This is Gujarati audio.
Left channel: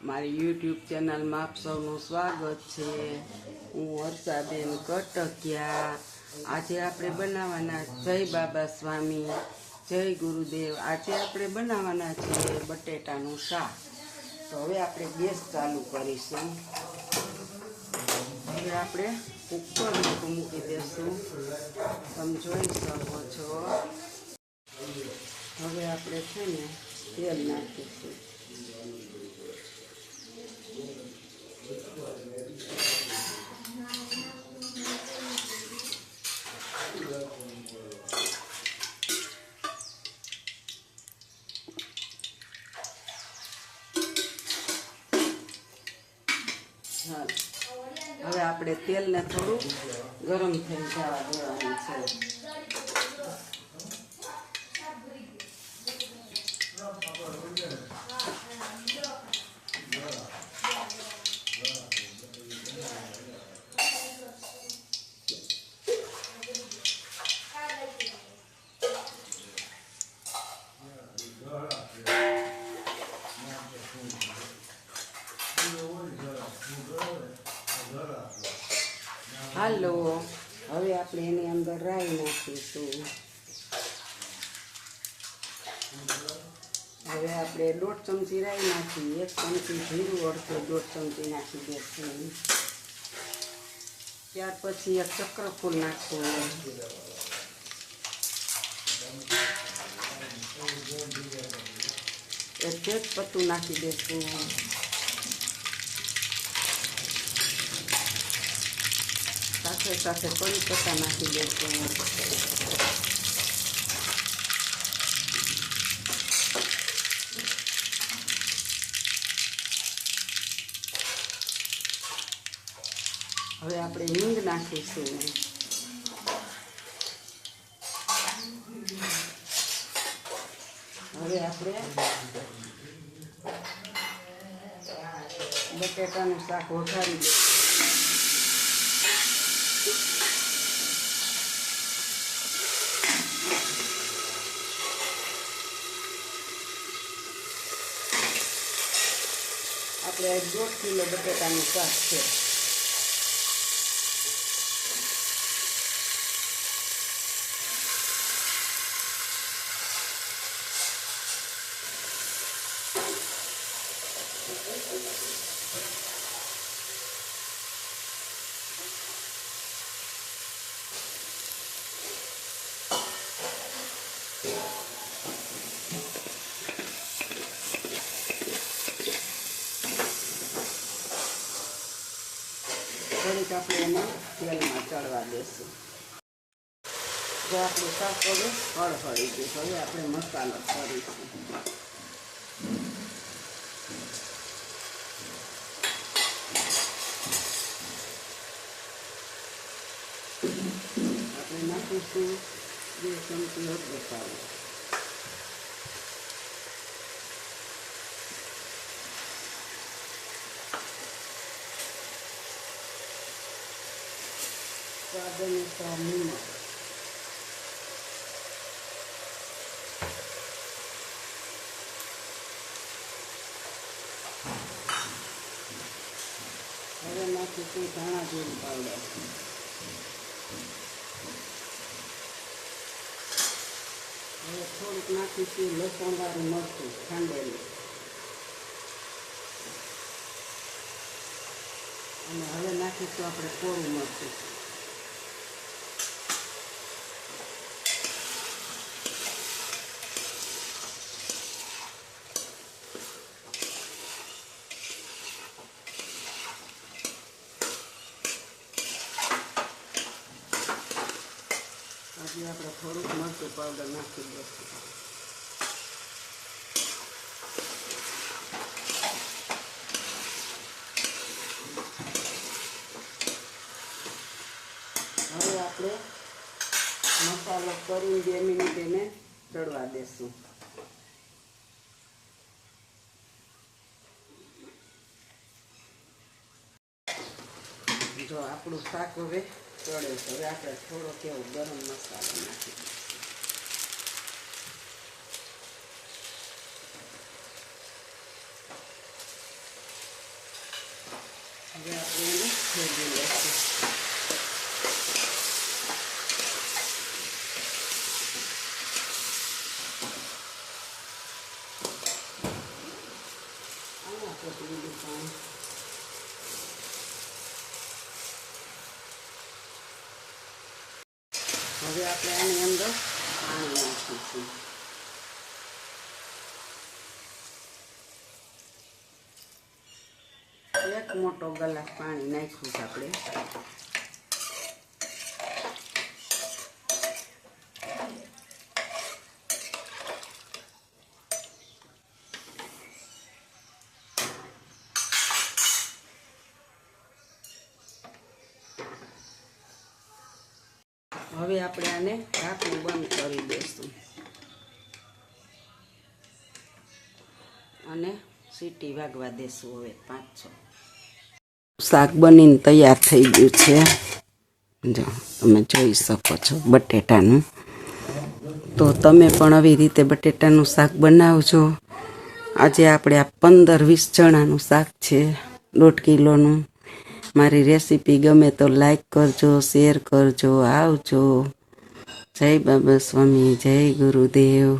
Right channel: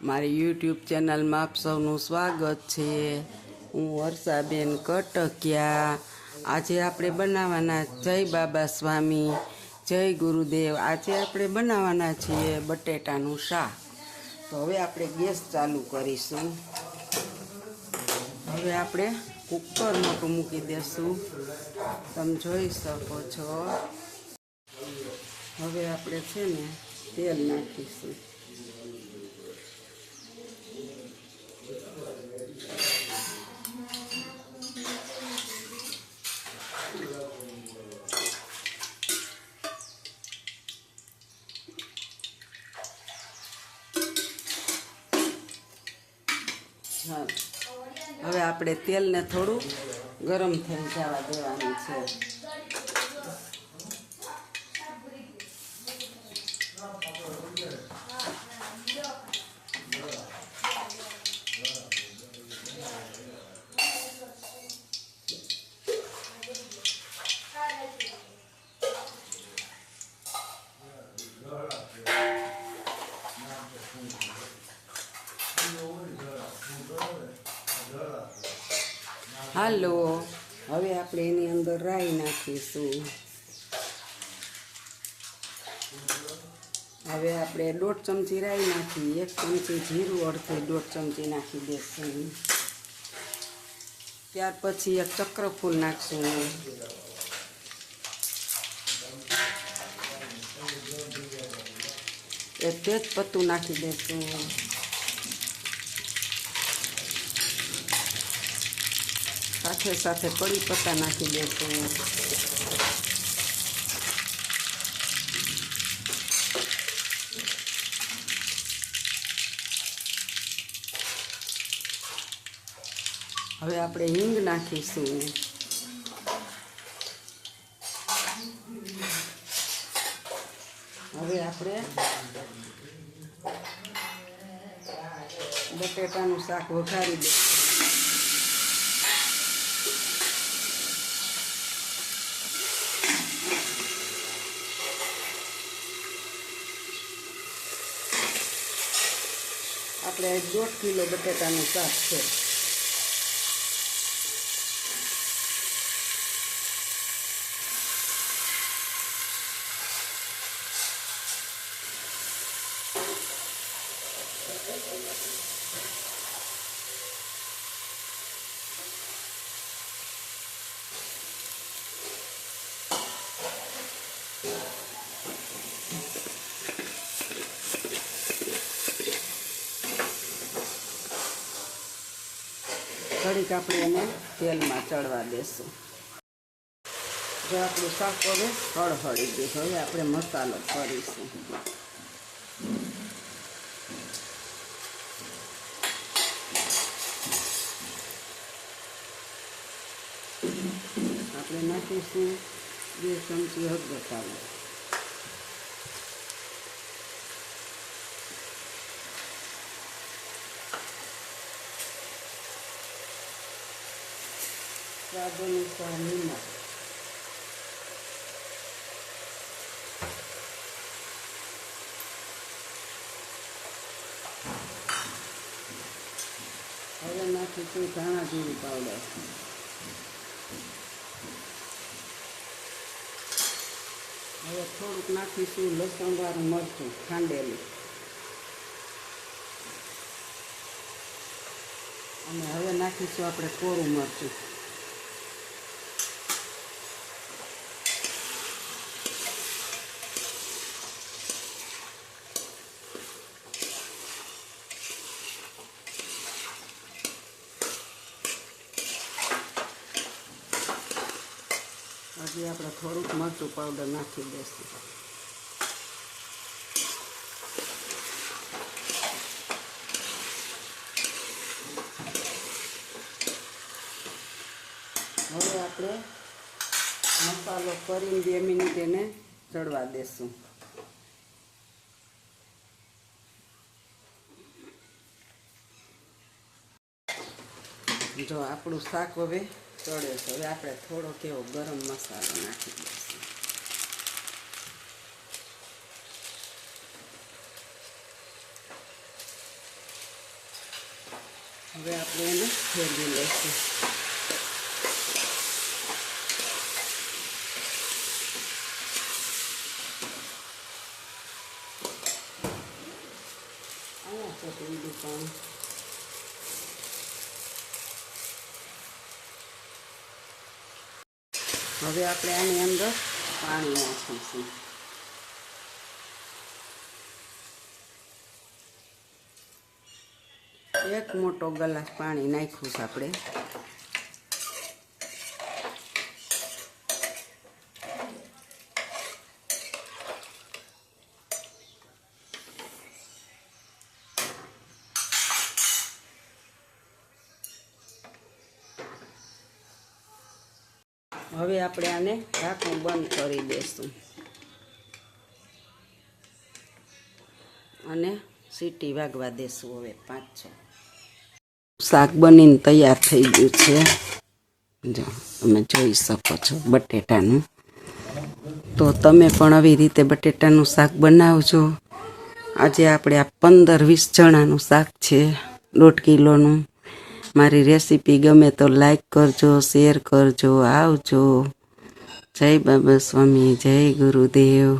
મારી યુટ્યુબ ચેનલમાં આપ સૌનું સ્વાગત છે। હું વર્ષાબેન કટકિયા। આજે આપણે બનાવવાના જય બાબા સ્વામી, જય ગુરુદેવ। આજે આપણે બનાવવાના છીએ બટેટાનું શાક। તો હવે આપણે ગેસ ચાલુ કરીશું। હવે આપણે કુકર મૂકી દઈશું, તમે જોઈ શકો છો। હવે આપણે છે ને તેલ નાખીશું। હા, હવે આપણે તેલને થોડું ગરમ થઈ જવા દેવાનું છે। હાલો, હવે આપણે એની અંદર રાઈ નાખીશું। હવે આપણે 1.5 ચમચી રાઈ નાખી, 1 ચમચી જીરું, અડધી 1.5 ચમચી નાખી દઈશું। ત્યાર પછી એક ચક્રફૂલ નાખશું। એક તેજપત્તું નાખી દઈશું। સાથે સાથે કડી પત્તા નાખી દઈશું। હવે આપણે હિંગ નાખીશું। હવે આપણે બટેટાનું શાક વઘારી દઈશું। આપણે 1.5 કિલો બટેટાનું શાક છે। ઘડીક આપણે એને તેલમાં ચડવા દેશું। જો આપણું શાક હવે હળહળી ગયું, હવે આપણે મસાલો કરીશું। આપણે નાખીશું 2 ચમચી હળદર પાવડર, સ્વાદ અનુસાર નિમક, હવે નાખીશું ધાણા જીરું પાવડર, હવે થોડુંક નાખીશું લસણવાળું મરચું ખાંડેલું, અને હવે નાખીશું આપણે કોરું મરચું। હજી આપણે થોડીક મરચું પાવડર નાખી દઈશું। હવે આપણે મસાલો કરીને 2 મિનિટ એને ચડવા દેશું। જો આપણું શાક હવે ચડે છે, હવે આપણે થોડો કેવો ગરમ મસાલો નાખી દઈશું। હવે આપણે એને ફેરવી લઈશું. હવે આપણે આની અંદર પાણી નાખીશું. એક મોટો ગ્લાસ પાણી નાખ્યું છે આપણે. હવે આપણે આને ઢાંકણ બંધ કરી દઈશું અને સીટી વાગવા દેશું. હવે 5-6 શાક બનીને તૈયાર થઈ ગયું છે. જો તમે જોઈ શકો છો બટેટાનું. તો તમે પણ આવી રીતે બટેટાનું શાક બનાવજો. આજે આપણે આ 15-20 જણાનું શાક છે, 1.5 કિલોનું. મારી રેસીપી ગમે તો લાઈક કરજો, શેર કરજો. આવજો. જય બાબા સ્વામી, જય ગુરુદેવ.